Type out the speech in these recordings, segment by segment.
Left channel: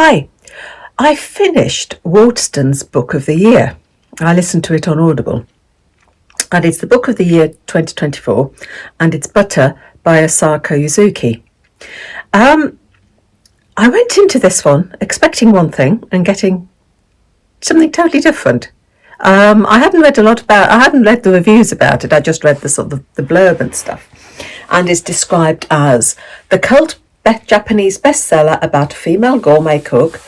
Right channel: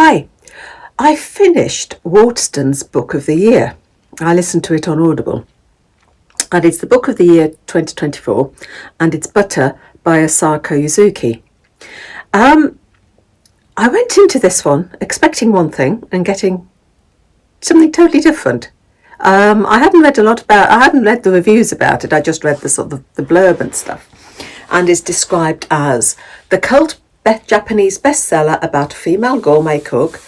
Hi, I finished Waterstone's Book of the Year. I listened to it on Audible. And it's the Book of the Year 2024, and it's Butter by Asako Yuzuki. I went into this one expecting one thing and getting something totally different. I hadn't read the reviews about it. I just read the sort of the blurb and stuff. And it's described as the cult Japanese bestseller about a female gourmet cook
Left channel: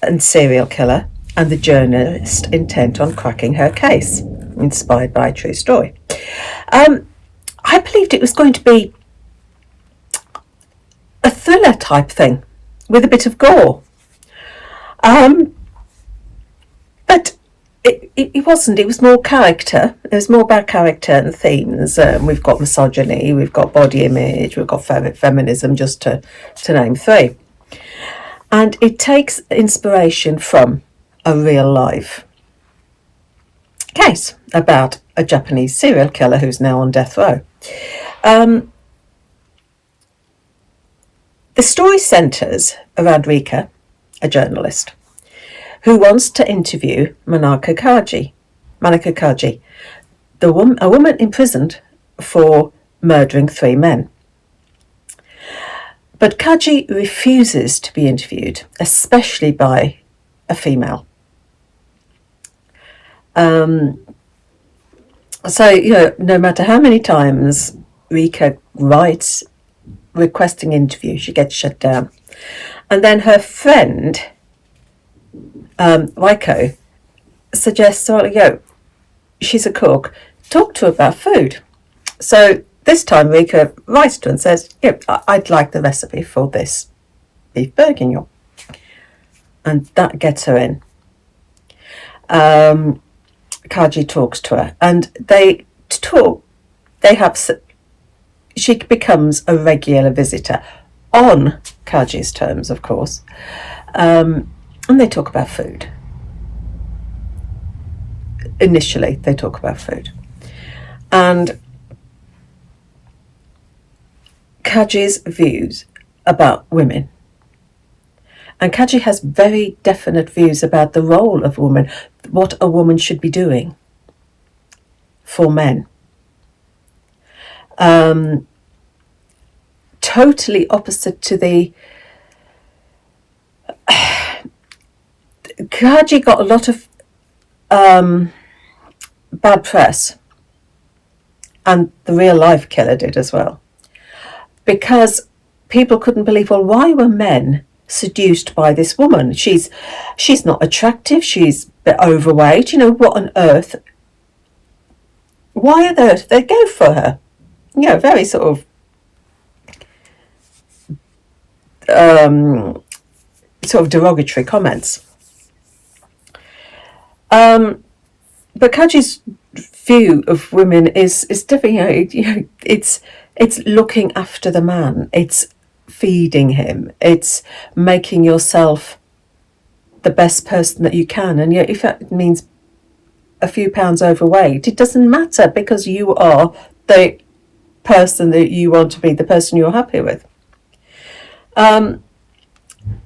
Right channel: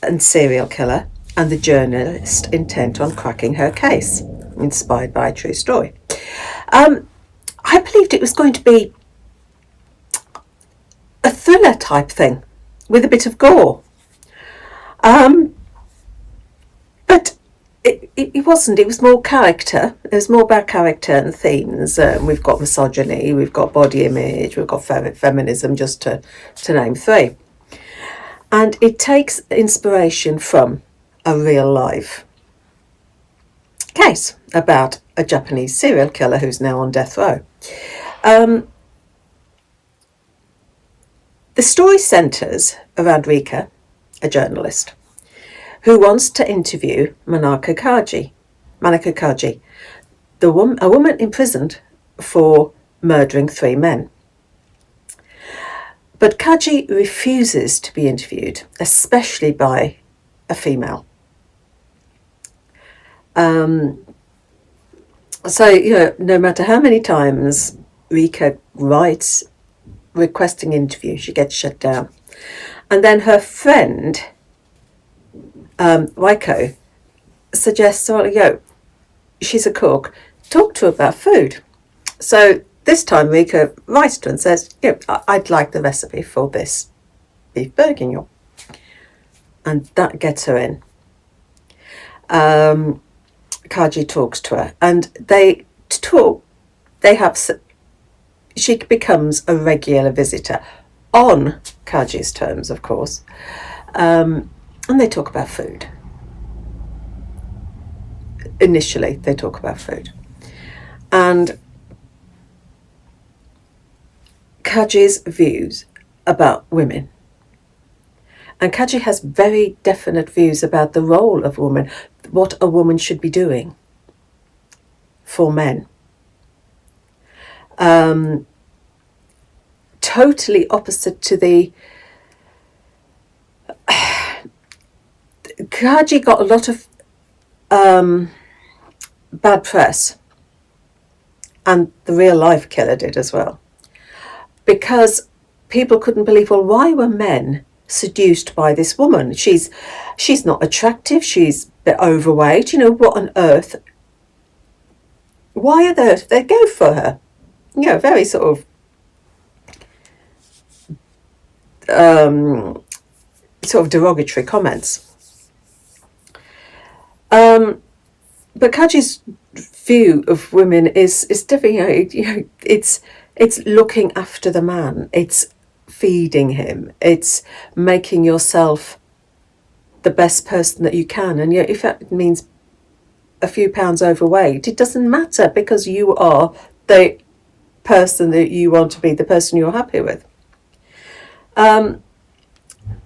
and serial killer and the journalist intent on cracking her case, inspired by a true story. I believed it was going to be a thriller type thing with a bit of gore. But it wasn't. It was more character. It was more about character and themes. We've got misogyny, we've got body image, we've got feminism, just to name three. And it takes inspiration from a real life case about a Japanese serial killer who's now on death row. The story centres around Rika, a journalist, who wants to interview Manaka Kaji, a woman imprisoned for murdering 3 men. But Kaji refuses to be interviewed, especially by a female. So, no matter how many times Rika writes requesting interview, she gets shut down. And then her friend, Waiko, suggests, she's a cook, talk to her about food. So this time Rika writes to her and says, I'd like the recipe for this beef bourguignon. And that gets her in. Kaji talks to her and she becomes a regular visitor on Kaji's terms, of course. And they talk about food. Initially, they talk about food. And Kaji's views about women. And Kaji has very definite views about the role of women, what a woman should be doing for men. Totally opposite to the... Kaji got a lot of bad press, and the real life killer did as well, because people couldn't believe, well, why were men seduced by this woman? She's not attractive, she's a bit overweight, what on earth? Why on earth they go for her? Very sort of derogatory comments. But Kaji's view of women is different. It's looking after the man. It's feeding him. It's making yourself the best person that you can. And yet, if that means a few pounds overweight, it doesn't matter, because you are the person that you want to be, the person you're happy with.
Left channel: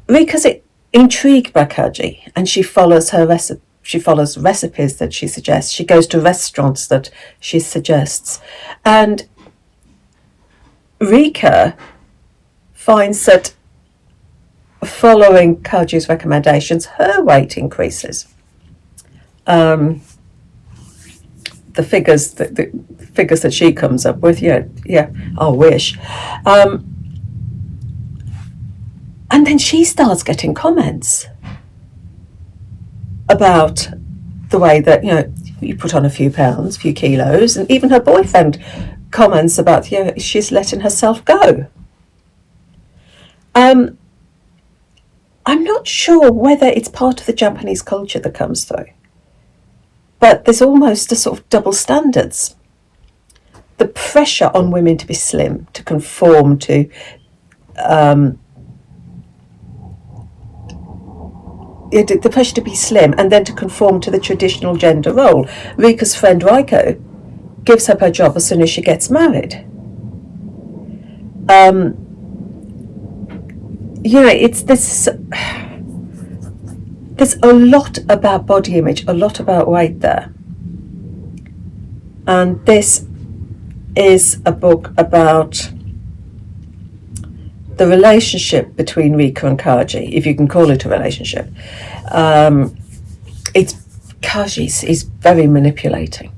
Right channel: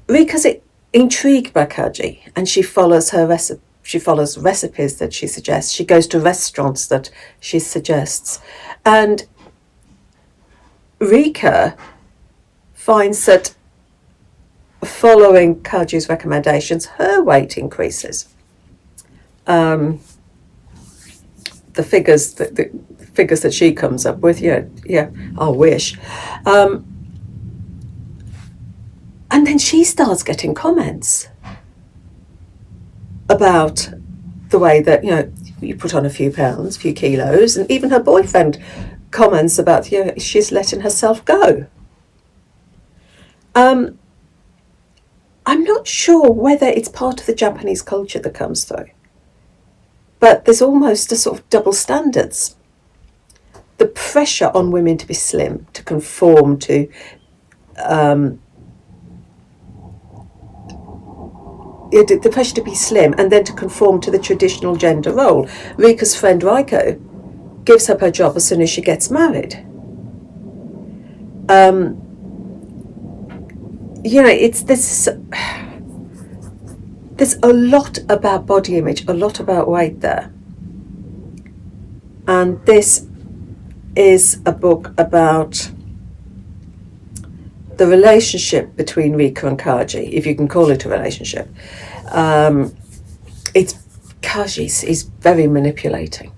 Rika's intrigued by Kaji, and she follows her recipe. She follows recipes that she suggests. She goes to restaurants that she suggests. And Rika finds that following Kaji's recommendations, her weight increases. The figures that she comes up with, I wish. And then she starts getting comments about the way that, you put on a few pounds, a few kilos, and even her boyfriend comments about, she's letting herself go. I'm not sure whether it's part of the Japanese culture that comes through, but there's almost a sort of double standards. The pressure on women to be slim, to conform to the pressure to be slim, and then to conform to the traditional gender role. Rika's friend Raiko gives up her job as soon as she gets married. It's this. there's a lot about body image, a lot about weight there. And this is a book about the relationship between Rika and Kaji, if you can call it a relationship. Kaji is very manipulating,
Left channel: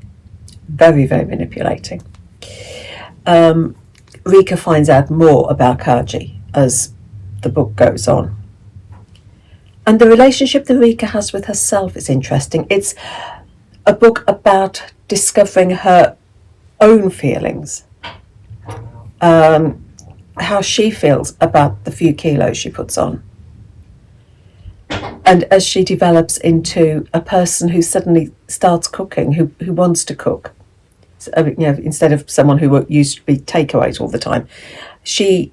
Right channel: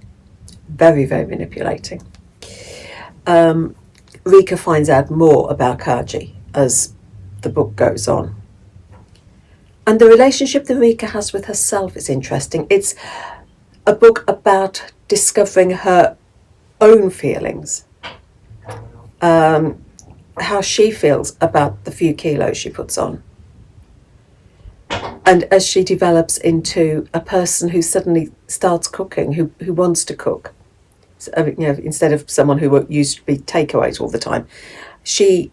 very, very manipulating. Rika finds out more about Kaji as the book goes on. And the relationship that Rika has with herself is interesting. It's a book about discovering her own feelings, how she feels about the few kilos she puts on. And as she develops into a person who suddenly starts cooking, who wants to cook, so, instead of someone who used to be takeaways all the time, she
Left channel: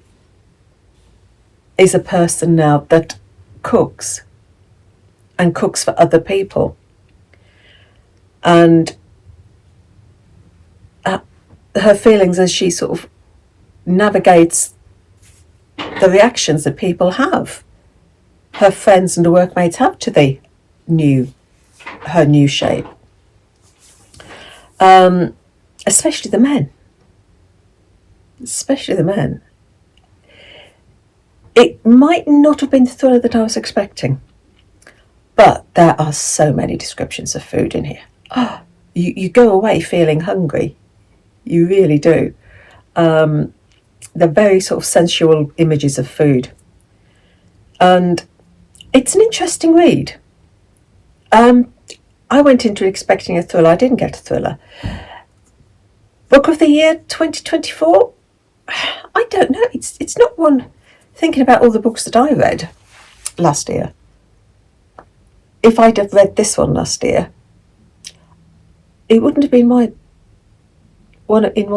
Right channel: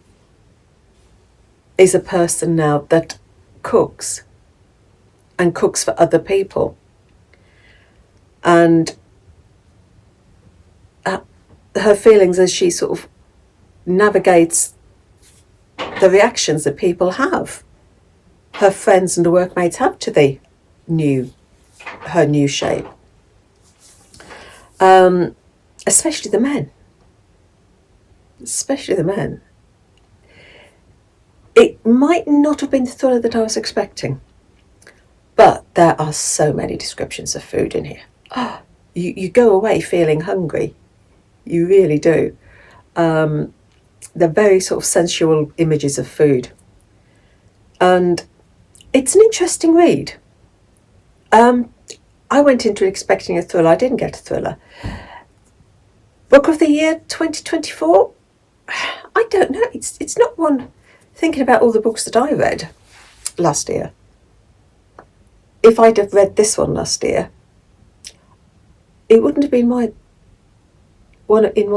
is a person now that cooks and cooks for other people. And her feelings as she sort of navigates the reactions that people have, her friends and the workmates have to her new shape. Especially the men. It might not have been the thriller that I was expecting, but there are so many descriptions of food in here. You go away feeling hungry. You really do. They're very sort of sensual images of food. And it's an interesting read. I went into it expecting a thriller. I didn't get a thriller. Book of the Year 2024? I don't know. It's not one. Thinking about all the books that I read last year, if I'd have read this one last year, it wouldn't have been my it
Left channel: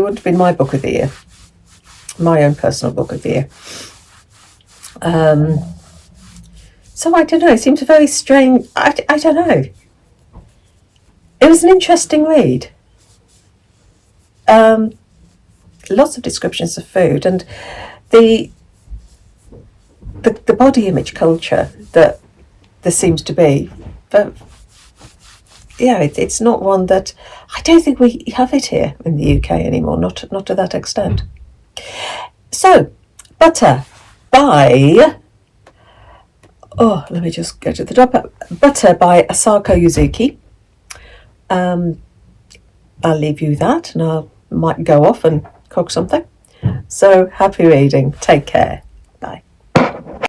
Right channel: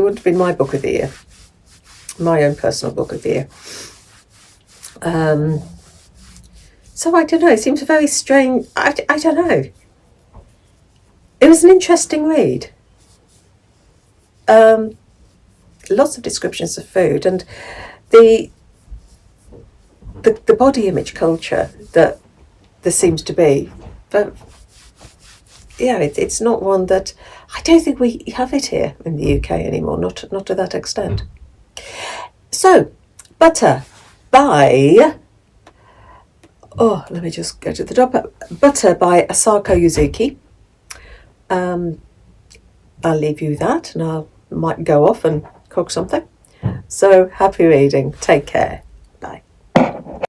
wouldn't have been my book of the year, my own personal book of the year. So I don't know. It seems a very strange. I don't know. It was an interesting read. Lots of descriptions of food and the body image culture that there seems to be. But yeah, it's not one that I don't think we have it here in the UK anymore. Not to that extent. So, Butter by let me just go to the top. Butter by Asako Yuzuki. I'll leave you that, and I might go off and cook something. So happy reading. Take care.